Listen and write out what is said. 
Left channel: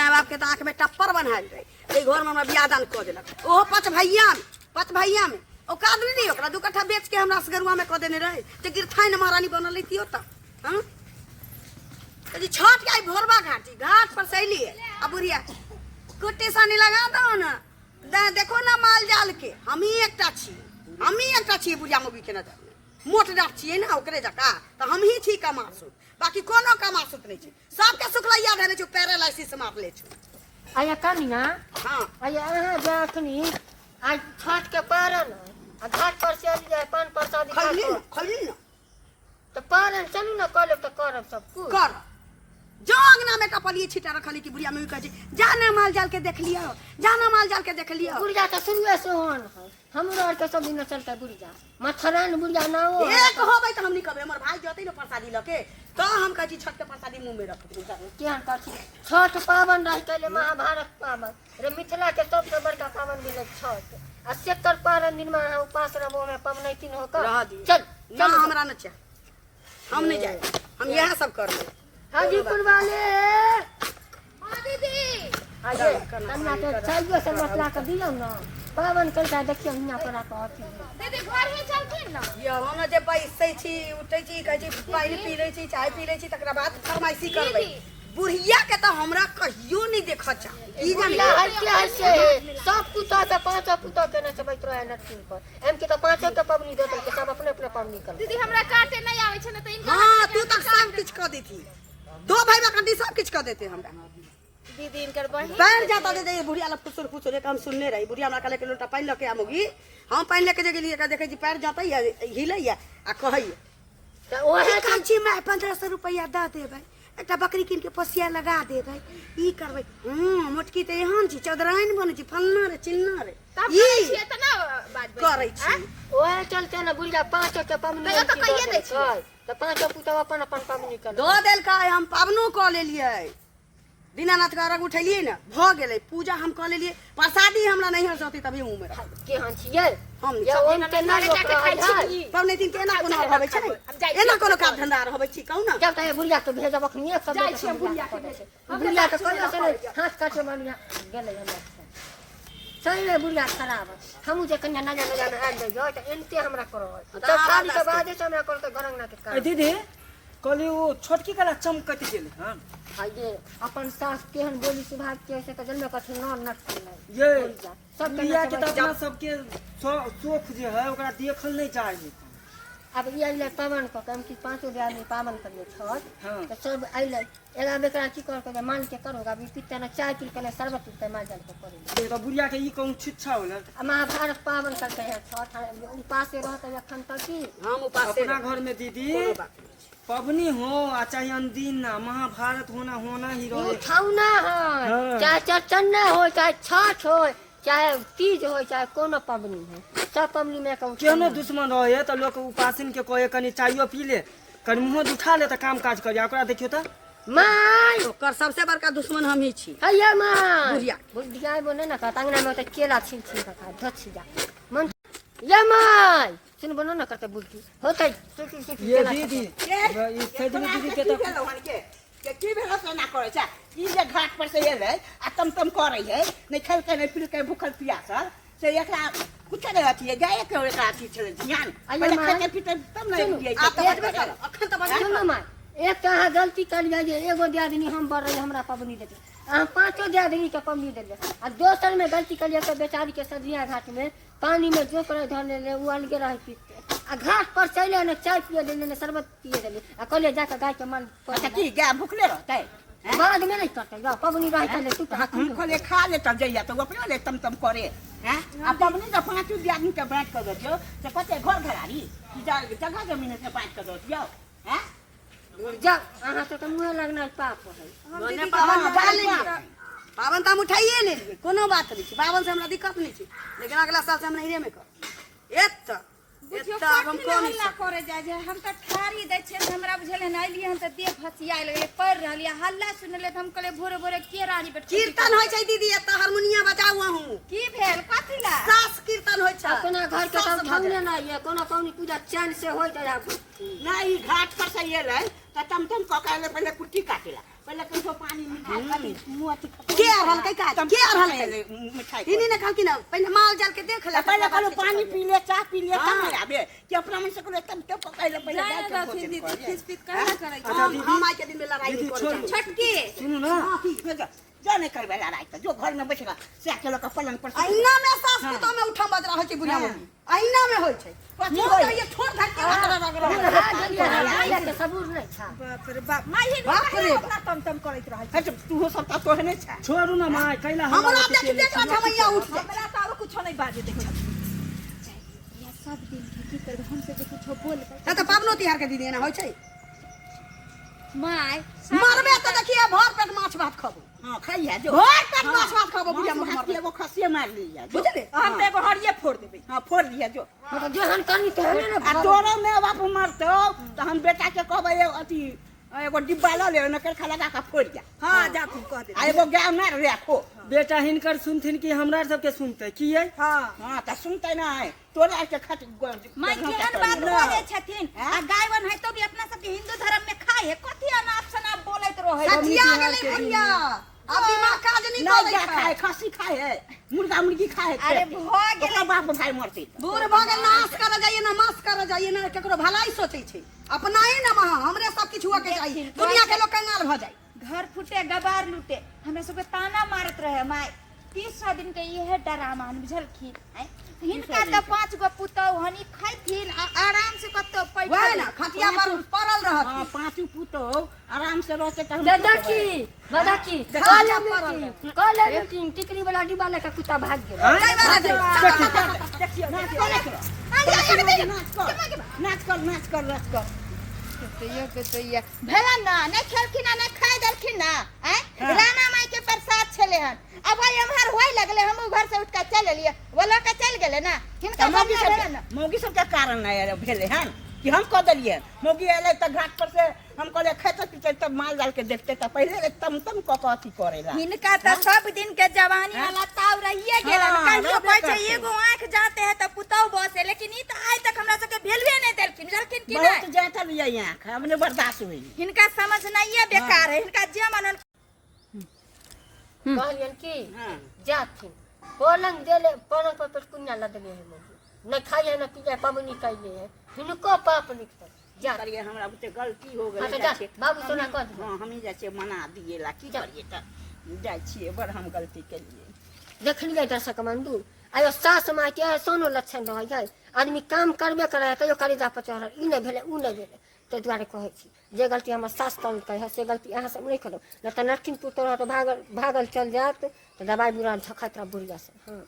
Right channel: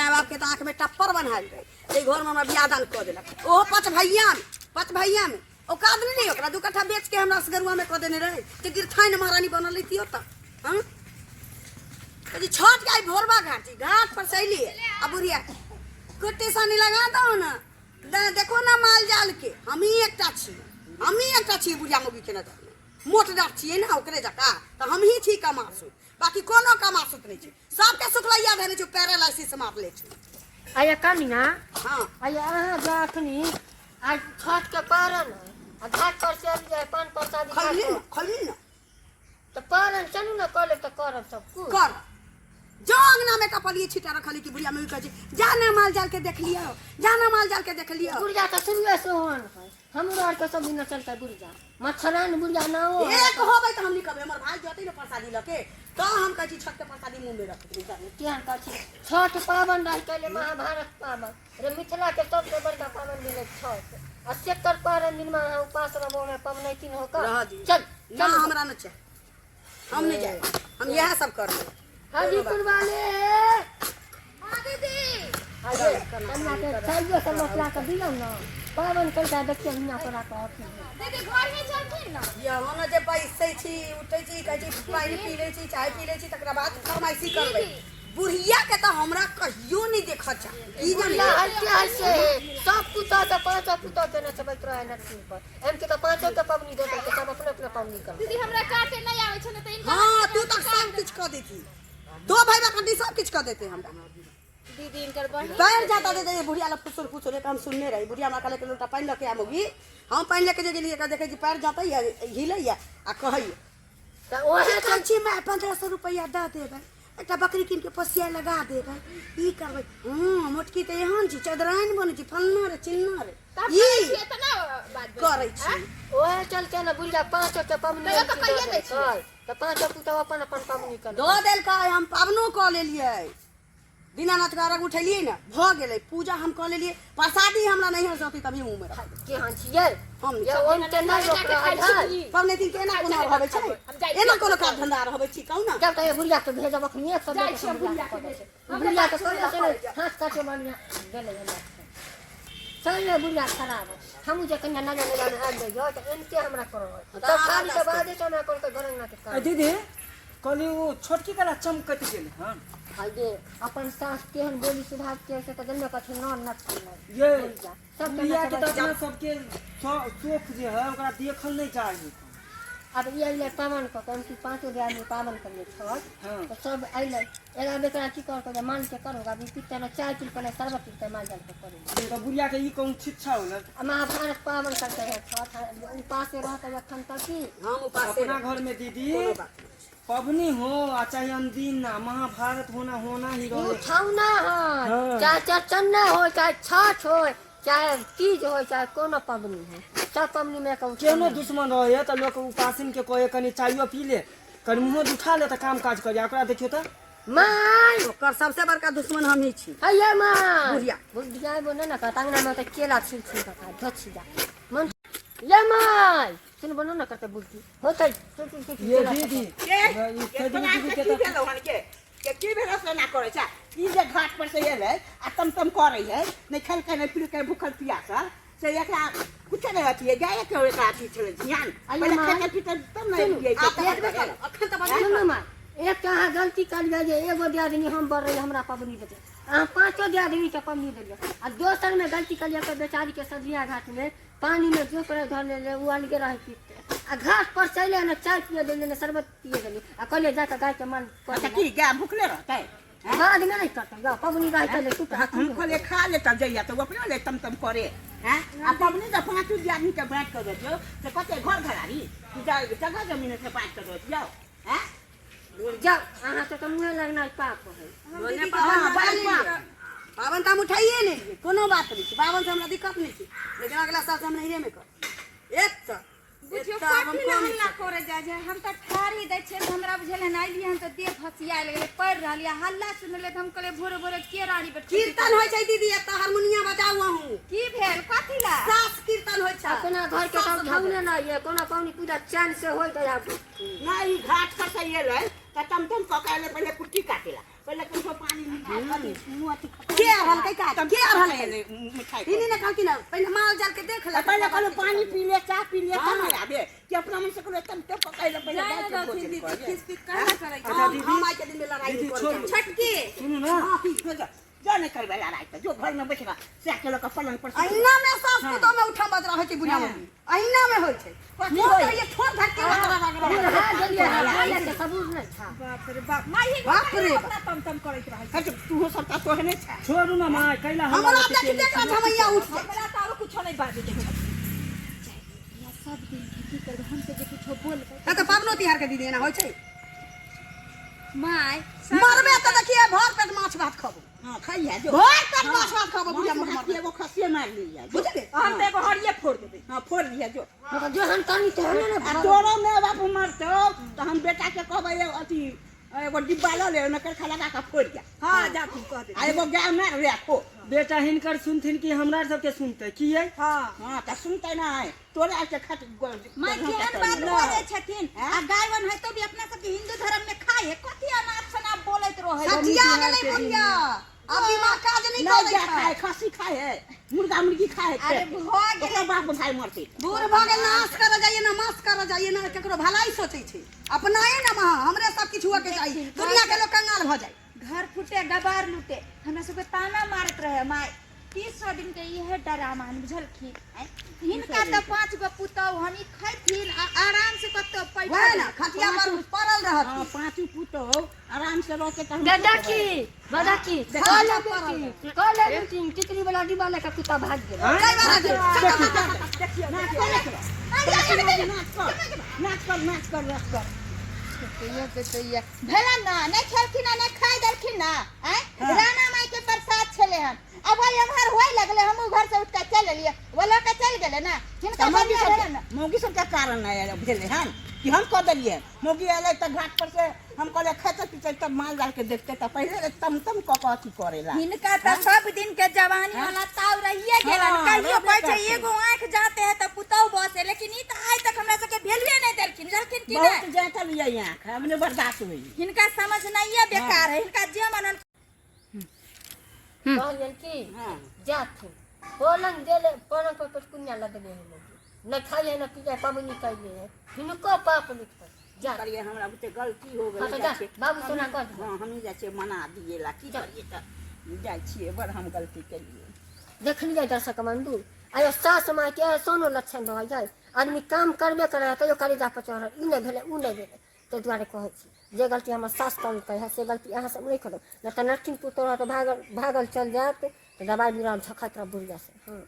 माँ बाप के तो आँख में टप्पर बनायल रहे ये घर में हमरा बियाह दान कर दिलक ओहो पच भैया में औकात नहीं ओकरा 2 कट्ठा बेच के हमरा सगरुआ में कर देने रहे तो गिरथाइन महारानी बनल रही तो हाँ तो छठ के आई भोरबा घाट पर सैली अब बुढ़िया कुट्टी सानी लगा दो ना देखो ना माल जाल के हम ही एकटा छी बुढ़िया मुगी के नजर में मोट डाक छिए ना ओकरे जका तो हम ही छी कमासु बाकी कोनो कमासुत नहीं छी सबके सुखलैया धरे छु पैरालाइसिस मार ले छु आया कनिया हां आया अहाँ जाखनी आज छठ के पारन आ घाट पर चल जाए पान प्रसादी खली ना तो पारन चलू ना कल तो करब सब कुछ कर जो अंगना में कपलिए छिटा रखली की बुढ़िया में कह जाना माल जाल के देख लियो बुढ़िया तो शुरुए से होन है हमरो और के सब दिन चलता बुढ़िया मथरान बुढ़िया ना हो एक होबै त हमनी कहबे हमर भाई जतै न प्रसादी लके तो हम कहै छी छठ के प्रसादी मुंह में रख दे केहन कहै छठ पावन रह के महाभारत पावन रे मिथिला के सबसे बड़का पावन दिन छठ आ सेकर पावन दिन में उपास रहबो में पवनैतिन होकर चल ना हमरा न छै हम नहीं जाए हम यह सब करबे हाजीपुर वाले हां दीदी आजे कन्या के चाहिए सब मसला के दियो ना पावन करता देखियो हिया पर आ दीदी घर ही चलथिन ना ये होना जे बैसै छी उठै छी कहै छी पानी पी लै छी चाय पी लै छी तकरा बाद फरमाइशी करबै बुढ़िया के तो हमरा कहियो नहीं देखा चा ई बुढ़िया हल्के सब पुता के पांच पुता के न चबैत रहे न तीन पर एम के तो पांचों के पबनी देते के सब अपने अपने पबनी कर दीदी हमरा काटे नहीं आवे छ न त इनका हां तू तक सब कुछ कर देती 2 भाई बकंडी सब कुछ कर देते हमरा दीदी इनकर बहन पैर जाता दे बुढ़िया ला फुसुर एक हम सुनने रही बुढ़िया हमरा कहले के लोटा पानी लके आमोगी हम पानी लेके जे गेलिए देखे जी पैर जाता हिलैया आ कहैया त ओहे कहै छी मैं 1500 रुपया द देबै एकटा बकरी कीन के पोसिया लगा देबै ई करबै मोटकी त एहन छी चौधराइन बनै छी फलना रे चिन्ना रे ई छिए त ना बात करै छी ओहे चलते न बुढ़िया पांचों के पबनी तो कहिए दै छी त पांचों पुता अपन अपन पबनी कर दो देल का हम पावनो क लेलिए दीनानाथ का अर्घ उठेलिए न भ गेलै पूजा हम क लेलिए प्रसादी हमरा नहीं हरसती तभी मुंह में रख केहन छियै हम ये ओन के ना लोक खाइ छी पवने दिन केना कोना रहबै छै एना कोनो काम धंधा रहबै छी कहू ना जब तक बुढ़िया के भेजब अखनी सब जाइ छी बुढ़िया के भेजे बुढ़िया के कहले से नहीं हाथ काटे मानिया गेलै हमरा सही में बुढ़िया खराब हमहू जे कन्या ना जाने आ जाइयो त एनते हमरा करो त खाली के बादे से हमरा करत गरंगना के काम दीदी कहली वो छोटकी कला चमकत गेल हां ये अपन सास केहन बोली सुभाव के से त जन्म कथि न ये सब दुनिया के तो अपना सबके शौक जे है ओकरा देखल नहीं चाहिए अब ये आइले पावन को कम की 5 आदमी पावन करिए छठ तो सब आइले एला बेकरा की कर के मान के करोगा अभी पिते ना चाय पी के शरबत पीते मां जल के करे तो बुढ़िया के ई कहूं छिच्छा होला महाभारत पावन करते हैं छठ उपास रहते अखन तक की हम उपास अपना घर में दीदी पबनी हो आ चाहे अनदीन ना महाभारत होना ही रहे उठाउना हो चाहे चचन्ना हो चाहे छठ हो चाहे तीज हो चाहे कोनो पबनी हो सब पबनी में कहूं केनो दुश्मन रहे तो लोग उपासिन के कहे कनी चाइयो पी ले कनी मुंह उठा ले त काम काज कर ओकरा देखियो त माय ओकर सबसे बड़का दुश्मन हम ही छी हैया मां बुढ़िया बुढ़िया बोले ना का तांगना में त केला छिल छिल का धछि जा मन ये माय सुन बनो ना करके बुद्धि होतै ये दीदी ये सजनी दीदी के तो के की भेल से ना करे छै ई जे घाट पर से एलै आ तम करे है नहीं खेल के नहीं पी के भूखल प्यासल से एकरा कुछ नहीं होती है जाए के एकरा अथी छले ध्यान पहले खेल के तब नहीं पिए छै अखन त बड़ा मां एक कहा गलती कर लिया एगो दियादनी हम बढ़ रहे हमरा पबनी देते आ 5 दियादनी के पबनी देलिए आ दोसर में गलती कर लिया के बेचारी के सजिया घाट में पानी में जो करे धर ले उ अलगे रह पीते आ घाट पर चले न चाय पिए देले न शरबत पिए देले आ कहले जाके गाय के मन अच्छा की गाय भूखले रहतै बाद में नहीं करते जा पबनी रह चले तू हम खोले खा ले तब जइया तो अपने ले तम करे हैं आ पबनी तो 5 आदमी के बांट कर दियो से कते घर घरारी जगह जमीन से बांट कर दियो हैं जा अहाँ तो मुँह लगना पाप है पावन तो हम उठाइए लेलिए कोनो बात नहीं पावन से हमरा दिक्कत नहीं थी लेकिन अगला साल से हम नहिरे में कर हम कोन करे जाय जे हम त ठारी दै छै हमरा बुझल न आइली हम त देह फसिया लगे पड़ रहलिया हल्ला सुनले त हम कहले भोरे भोरे के रानी बेट कीर्तन होय छै दीदी एत हारमोनिया बजाऊ हूं की भेल कथि ला सास कीर्तन होय छै अपना घर के सब भावने ना ये कोनो कौनी पूजा चैन से होय त नहीं घाट पर से एलै त तम क के पहले कुट्टी काटेला पहले कुछो पानी मिठाई मुंह अति के रहल के का के रहल है मिठाई इनी ने कहल कि ना पहले माल जाल के देख ले पहले कहलो पानी पी ले चाय पी ले तब ना आबे कि अपना मन से कहलो तब तब पकाइले पहले जाए बैठ ना के दक्षिण दी भोजन खिस पिस कहाँ करे अच्छा दीदी हम आज के दिन में लड़ाई दीदी, कर छोड़। छटकी सुनो ना कर जा नहीं करबे लड़ाई तो जो घर में बैठेगा से के लोग पलंग पर से अहिना में सास के तो में उठा बज रहा छै बुढ़िया मम्मी अहिना में होय छै कथी मुंह होय? तो ये छोड़ धर के सबूर नहीं था बाप रे बाप माही बाप रे अपना तम तम करैत रहै हट तू सब ता तो है नहीं छा छोड़ू ना माँ कैला हम हमरा देख देख झमैया उठ हमरा त अब कुछो नहीं बाजे देख या सब दिन खेती कर हम से जे कुछो बोल है तो पाबनो तिहार के दीदी ना होय छै माय मरबे तो देखिए भर पेट माछ भात खाबो हां खाइया जो भर पेट माछ भात खाबो बुढ़िया मां मम्मी एगो खसिए मार लिया जो बुझले हम तो एगो हरिये फोड़ देबै हां फोड़ लिया जो जो हम तनी तो हमें आ ना तोरो में बाप मरतो तो हम बेटा के कहबै अथी एगो डिब्बा ल ले ओमे करखा लगा के फोड़ जा हां जा तू कह दे आ एगो गाय मार रखो बेटा हिनकर सुनथिन कि हमरा सबके सुनते की है हां हां त सुनते ना है तोरा के खातिर माय केहन बात बोले छथिन आ गायवन है तो भी अपना सब के हिंदू धर्म में खाए है कथि अनाप शनाप बोलैत रहै सचिया गेलै भैया अब दिमाग काज नहीं नहीं करे जा खाए खसी खाए है मुर्गा मुर्गी खाए है अरे भऽ ओकरा बाप भाई मरते दूर भागे नाश कर जाइए ना मास कर जाइए ना केकरो भलाई सोचै छै अपनाए ना महा हमरे सब किछु के चाहिए दुनिया के लोग कंगाल भ जाए घर फूटे गबार लूटे हमरा सबके ताना मारत रहे माय 300 दिन के इहे डरामा बुझलखिन हिनका त 5 गो पुतौ हनी खैथिन आराम से कतो वह पैसा ना खटिया पर पड़ल रहत हां पांचू पुतो आराम से रहते त दादा की कॉले मीटिंग टिकरी वाला डिब्बा लेकर कुत्ता भाग गया नाच कर रख कर भेला ना नहीं खेलखिन ना खाए दलखिन ना राणा माई के प्रसाद छले हन अब भाई हमहर होय लगले हम घर से उठ के चल लिए बोला के चल गेले ना हिनका बनिया भेला ना मौगी सब के कारण नहीं भेले हन कि हम कह दिलिए मौगी आले त घाट पर से हम कहले खेते पीछे तब माल जाल के देखते त पहले तम कथी करेला हिनका त सब दिन के जवानी वाला ताव रहिए गेलन हाँ, कहियो रहबे कहै छै करतै। एगो आंख जाते है त पुतौ बसे लेकिन ई त आज तक हमरा सबके भेलवे नहीं देलखिन जलखिन कि बहुत नहीं जाता लिया यहाँ हमने बर्दाश्त हुई हिनका समझ नहीं है बेकार है हिनका जे मनन कहलियन की हाँ जाथिन पलंग देले पलंग पर पेटकुनिया लदले है लोग न खाइए न पिए पबनी कैले है हिनको पाप लिखत जा करिए हमरा बुते गलती हो हाँ तो गई जा बाबू सोना कह दे हां हम जाचे मना दिएला की करिए त जाय छिए बड़ हम गलती केलिए देखलिए दर्शक बंधु आयो सास माँ के सोनो लक्षण रह गए आदमी काम करबे करे तो करेजा पर चढ़ल ई नहीं भेले ऊ नहीं भेले तो द्वारे कहै छी जे गलती हमर सास काम कहे से गलती अहाँ सब नहीं करो न तो नरकिन पुतोरा तो भागल चल जात तो दवाई बुरा झखत बुढ़िया से हाँ